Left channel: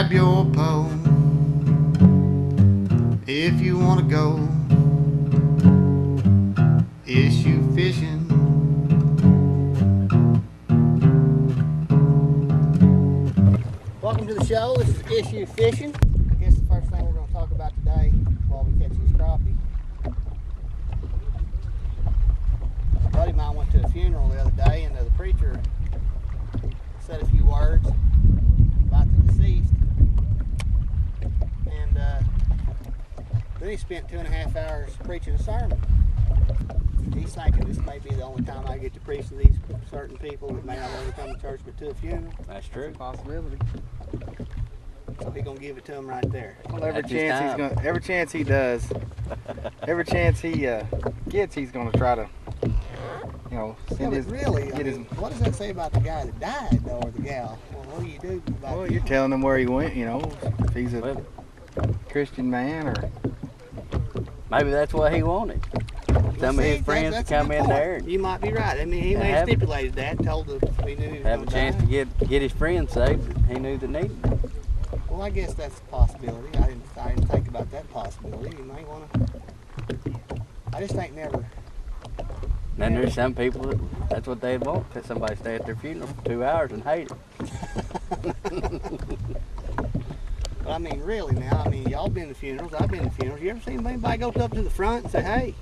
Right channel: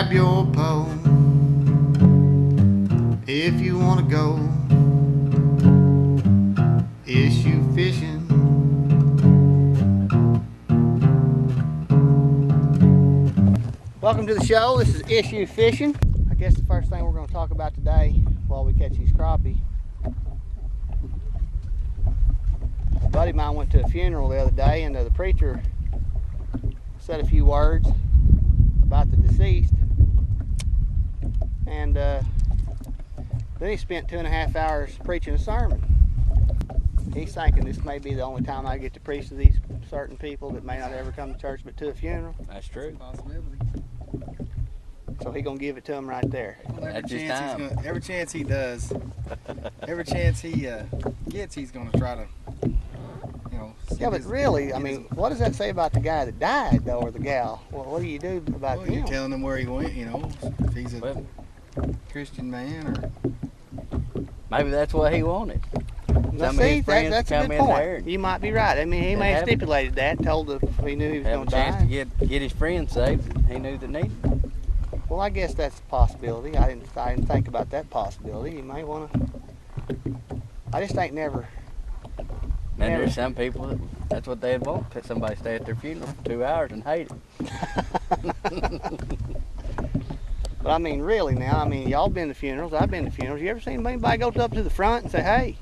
grab your pole if you want to go issue fishing. Welcome to the show. This is Issue Fishing. I guess the first thing we're going to talk about today while we catch these crappie. A buddy of mine went to a funeral the other day, and the preacher said a few words about the deceased, and then he spent 2.5 hours preaching a sermon. He's thinking this may be the only time I get to preach to these certain people that may not ever come to church but to a funeral. That's true. That's a possibility. So he's gonna give it to him right there. Well, every chance he does, every chance he gets, he's gonna try to, you know. Yeah, but really, I mean, what does that say about the guy that died, though, or the gal? Well, what do you do about Well, him? you're telling him where he went, you know, if he's a Christian man or. Maybe that's what he wanted. Some of his friends to come in there. You might be right. I mean, he may have stipulated that, told if he knew he was going to die. Have a chance to get his friends saved that he knew that needed it. Well, I guess that's a possibility. I didn't think about that possibility. You may want to. I just ain't never. And there's some people that's what they'd want. That somebody stay at their funeral for 2 hours and hate it. But I mean, really now, I mean, y'all been to funerals, I've been to funerals. You ever seen anybody go up to the front and say, hey,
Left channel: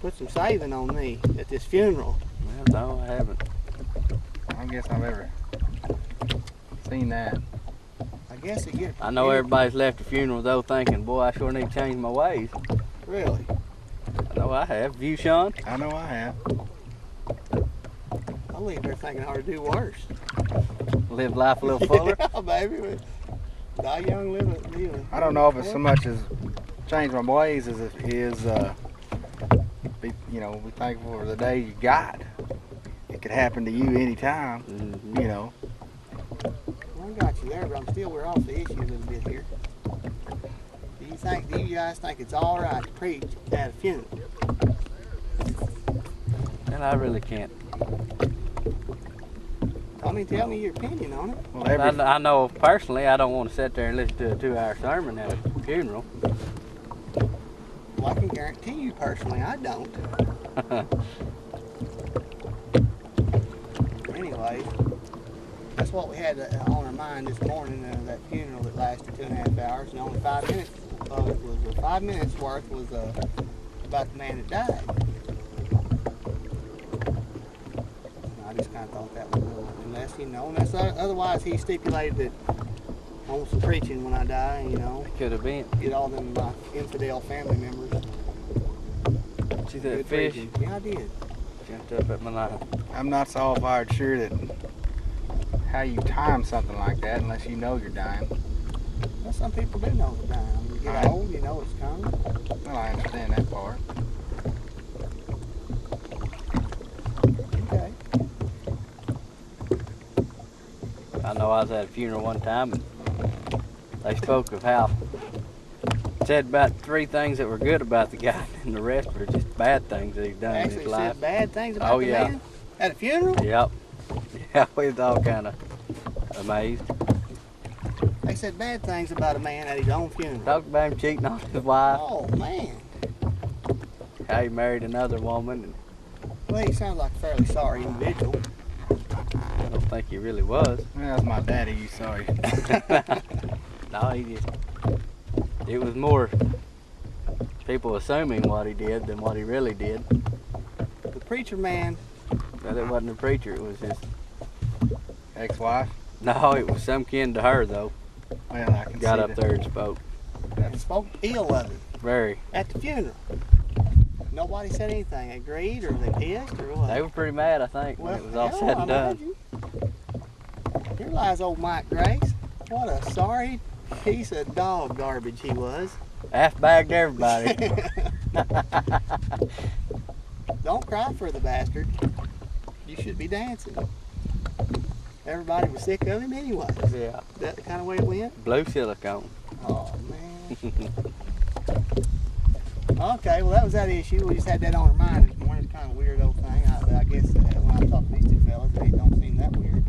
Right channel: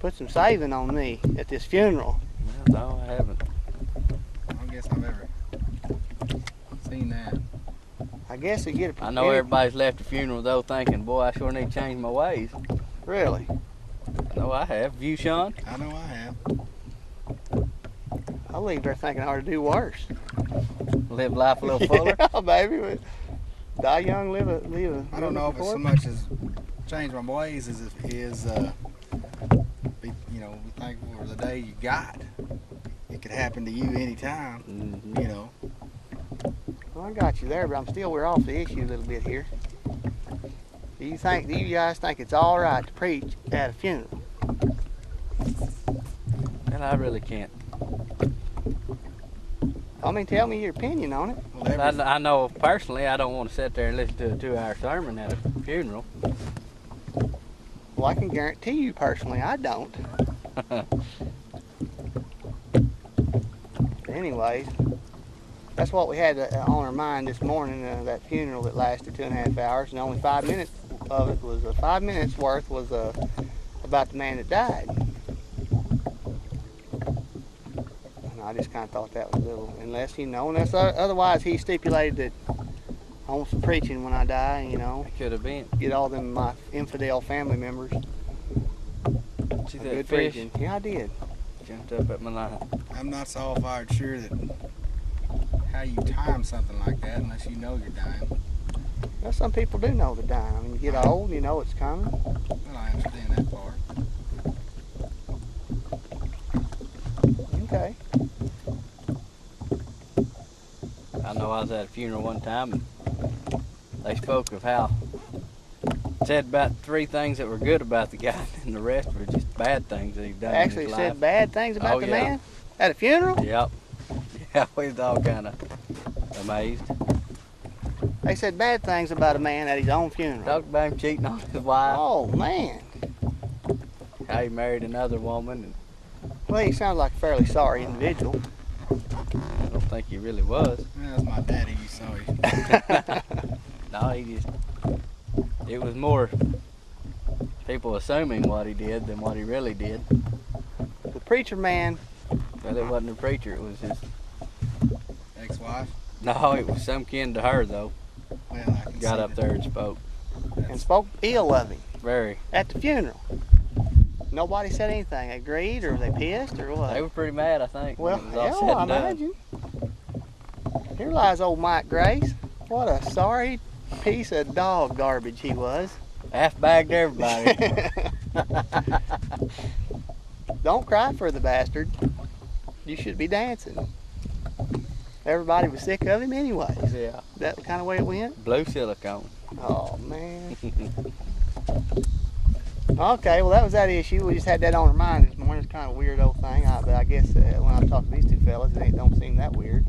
put some saving on me at this funeral? Well, no, I haven't. I don't guess I've ever seen that. I guess it get a... I know everybody's left the funeral, though, thinking, boy, I sure need to change my ways. Really? I know I have. You, Sean? I know I have. I'll leave there thinking I ought to do worse. Live life a little fuller? Yeah, baby. Die young, live a... I don't know if it's so much as change my ways as it is, be thankful for the day you got. It could happen to you anytime, you know. Well, I got you there, but we're off the issue a little bit here. Do you guys think it's all right to preach at a funeral? Well, I really can't. I mean, tell me your opinion on it. Well, I know personally I don't want to sit there and listen to a 2-hour sermon at a funeral. Well, I can guarantee you personally I don't. Anyways, that's what we had on our mind this morning, that funeral that lasted 2.5 hours, and only 5 minutes of it was 5 minutes worth was about the man that died. And I just kind of thought that was a little, unless, otherwise he stipulated that I want some preaching when I die, you know. Could have been. Get all them my infidel family members. See that fish? Preaching. Yeah, I did. Jumped up at my line. I'm not so fired sure that how you time something like that unless you know you're dying. Well, some people do know they're dying. I mean, you get old, you know it's coming. Well, I understand that part. Okay. I know I was at a funeral one time and they spoke of how said about 3 things that were good about the guy and the rest were just bad things that he's done in his life. Actually said bad things about the man at a funeral? Yep. Yeah, we was all kind of amazed. They said bad things about a man at his own funeral. Talked about him cheating on his wife. Oh, man. How he married another woman. And well, he sounds like a fairly sorry individual. I don't think he really was. Well, that's my daddy, you sorry. No, it was more people assuming what he did than what he really did. The preacher man. Well, it wasn't a preacher, it was his ex-wife? No, it was some kin to her, though. Well, I can Got up there and spoke. And spoke ill of him. Very. At the funeral. Nobody said anything. Agreed, or they pissed, or what? They were pretty mad, I think, well, when it was all said and done. Imagine. Here lies old Mike Grace. What a sorry piece of dog garbage he was. Half-bagged everybody. Don't cry for the bastard. You should be dancing. Everybody was sick of him anyways. Yeah. That the kind of way it went? Blue silicone. Oh, man. Okay, well, that was that issue. We just had that on our mind this morning. It's kind of a weird old thing, but I guess when I talk to these two fellas, it don't seem that weird.